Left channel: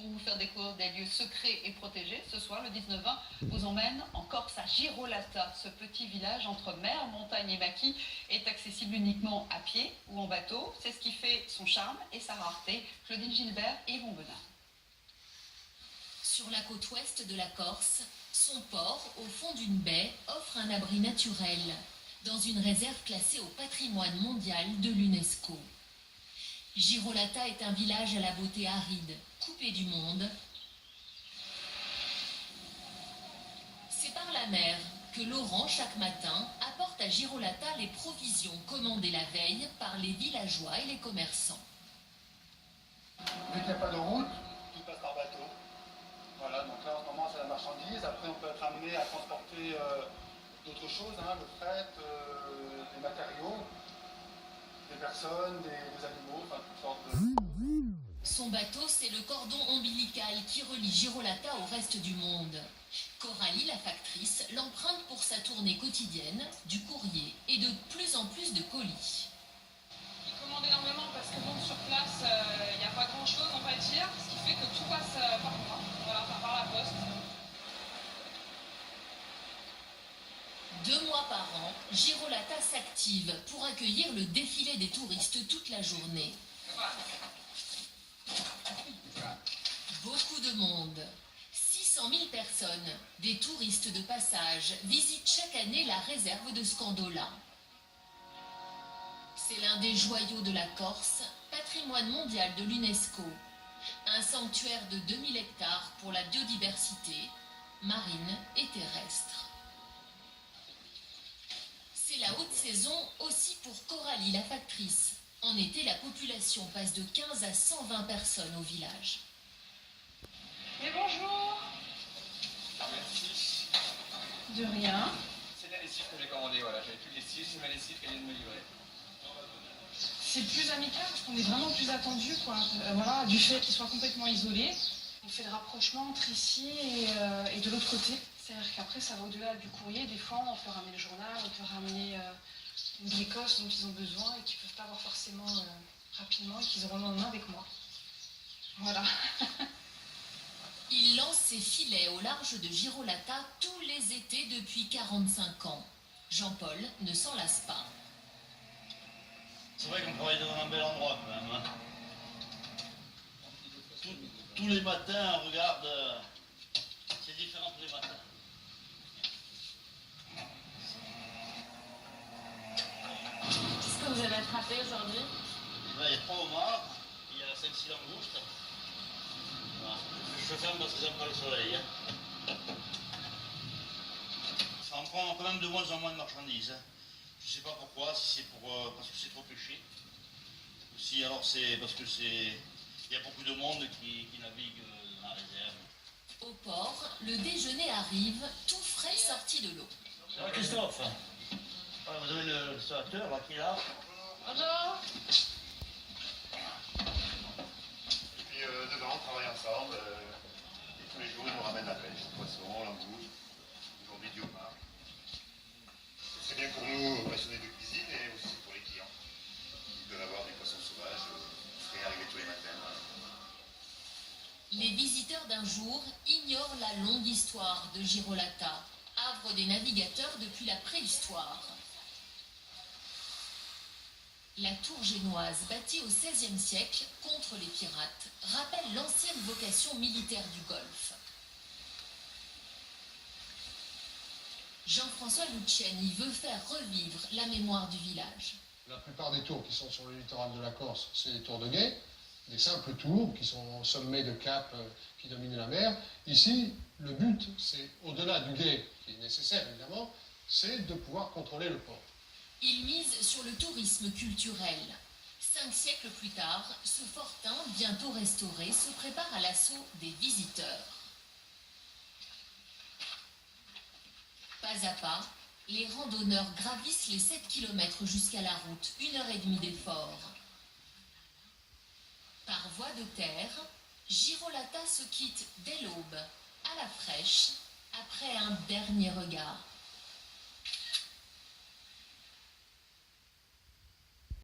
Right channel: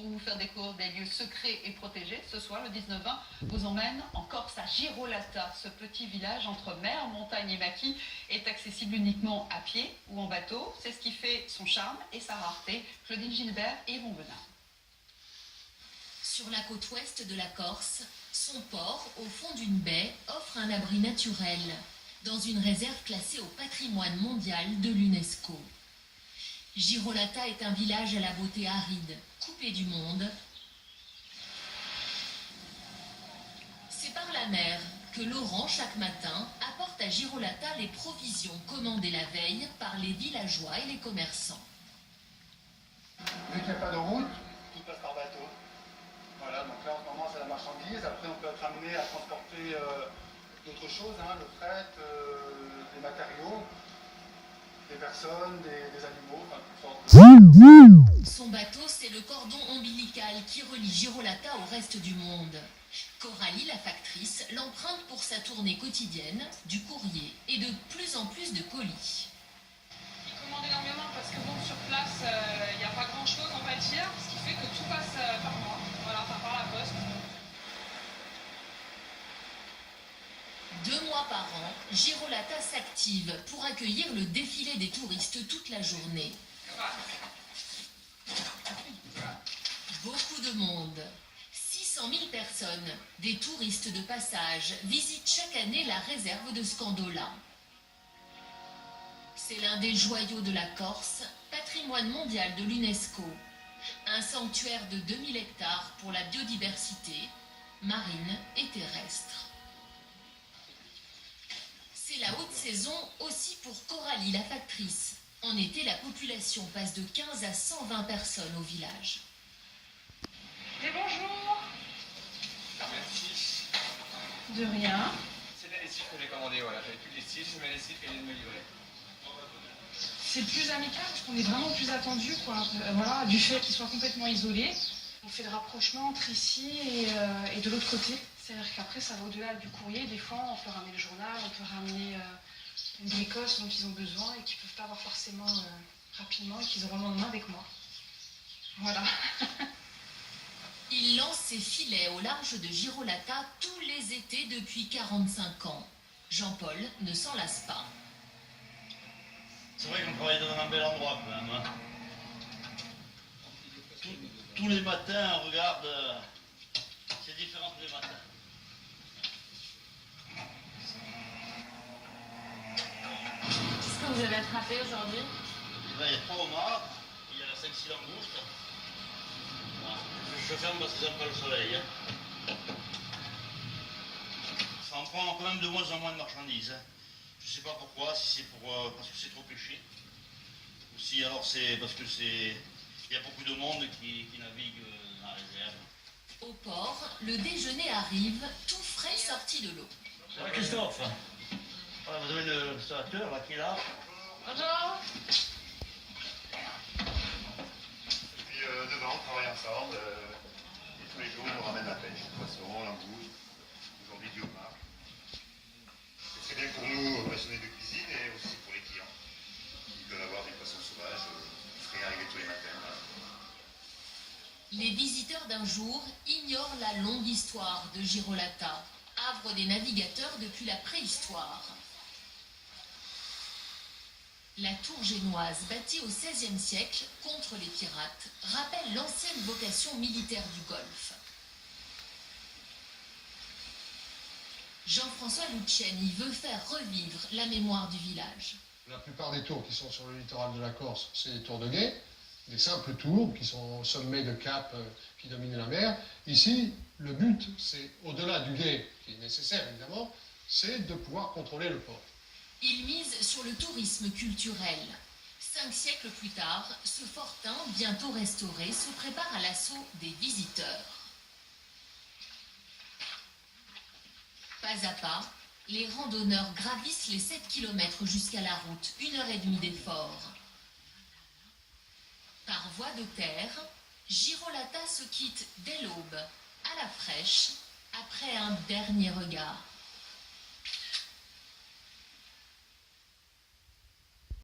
Pour vous faire découvrir des lieux secrets et protégés, ce soir, le 19-20, vous emmène en Corse à Girolata. Ce petit village entre mer, montagne et maquis est accessible uniquement à pied ou en bateau. C'est ce qui fait son charme et sa rareté. Claudine Gilbert et Yvon Benin. Sur la côte ouest de la Corse, son port, au fond d'une baie, offre un abri naturel, dans une réserve classée au patrimoine mondial de l'UNESCO. Girolata est un village à la beauté aride, coupé du monde. C'est par la mer que Laurent, chaque matin, apporte à Girolata les provisions commandées la veille par les villageois et les commerçants. Vu qu'il n'y a pas de route, tout passe par bateau. Voilà, donc là en ce moment c'est la marchandise. Après on peut être amené à transporter d'autres choses, le fret, des matériaux, des personnes, des animaux, enfin toutes sortes de... Son bateau, c'est le cordon ombilical qui relie Girolata au reste du monde. Coralie, la factrice, l'emprunte pour sa tournée quotidienne, du courrier et de plus en plus de colis. Il commande énormément parce que bon, sur place, il n'y a pas grand chose, on va dire, ce qui fait que tout passe par moi, voilà, enfin par la poste. 2 mois par an, Girolata s'active pour accueillir le défilé des touristes toute la journée. Beaucoup de monde. 600 000 personnes, des touristes de passage, visitent chaque année la réserve de Scandola. C'est l'un des joyaux de la Corse, patrimoine mondial de l'UNESCO. Un sanctuaire de 2000 hectares pour la biodiversité, marine et terrestre. C'est la haute saison aussi pour Coralie, la factrice. En été, la population passe de 15 à 120 personnes au village. Mais bonjour. Merci. De rien. C'est la lessive que j'ai commandée, voilà. J'avais plus de lessive, c'est ma lessive qui vient de me livrer. C'est plus amical parce qu'on est vraiment plus attendu, quoi. Voilà, du fait qu'il soit complètement isolé. On fait le rapprochement entre ici et de l'autre côté. C'est-à-dire qu'après, ça va au-delà du courrier. Des fois, on peut ramener le journal, on peut ramener une Écosse dont ils ont besoin et qu'ils ne peuvent pas avoir forcément rapidement et qu'ils auront le lendemain avec moi. Voilà. Il lance ses filets au large de Girolata tous les étés depuis 45 ans. Jean-Paul ne s'en lasse pas. C'est vrai qu'on travaille dans un bel endroit quand même. Hein. Tous les matins, regarde, c'est différent tous les matins. Qu'est-ce que vous avez attrapé aujourd'hui? Il y a 3 homards, il y a 5-6 langoustes. Voilà. Je ferme parce que j'aime pas le soleil. Hein. Ça en prend quand même de moins en moins de marchandises. Hein. Je sais pas pourquoi, si c'est parce que c'est trop pêché. Ou si alors c'est parce que il y a beaucoup de monde qui navigue dans la réserve. Au port, le déjeuner arrive, tout frais sorti de l'eau. Ouais, Christophe, voilà, vous avez le restaurateur là qui est là. Bonjour. Et puis demain on travaille ensemble. Et tous les jours ils nous ramènent la pêche, le poisson, l'angouste, aujourd'hui du homard. C'est très bien pour nous, passionnés de cuisine, et aussi pour les clients. Ils peuvent avoir des poissons sauvages frais arrivés tous les matins. Voilà. Les visiteurs d'un jour ignorent la longue histoire de Girolata, havre des navigateurs depuis la préhistoire. La tour génoise, bâtie au XVIe siècle contre les pirates, rappelle l'ancienne vocation militaire du Golfe. Jean-François Luciani veut faire revivre la mémoire du village. La plupart des tours qui sont sur le littoral de la Corse, c'est des tours de guet, des simples tours qui sont au sommet de cap qui dominent la mer. Ici, le but, c'est au-delà du guet, qui est nécessaire évidemment, c'est de pouvoir contrôler le port. Il mise sur le tourisme culturel. 5 siècles plus tard, ce fortin, bientôt restauré, se prépare à l'assaut des visiteurs. Pas à pas, les randonneurs gravissent les 7 km jusqu'à la route, 1h30 d'effort. Par voie de terre, Girolata se quitte dès l'aube, à la fraîche, après un dernier regard.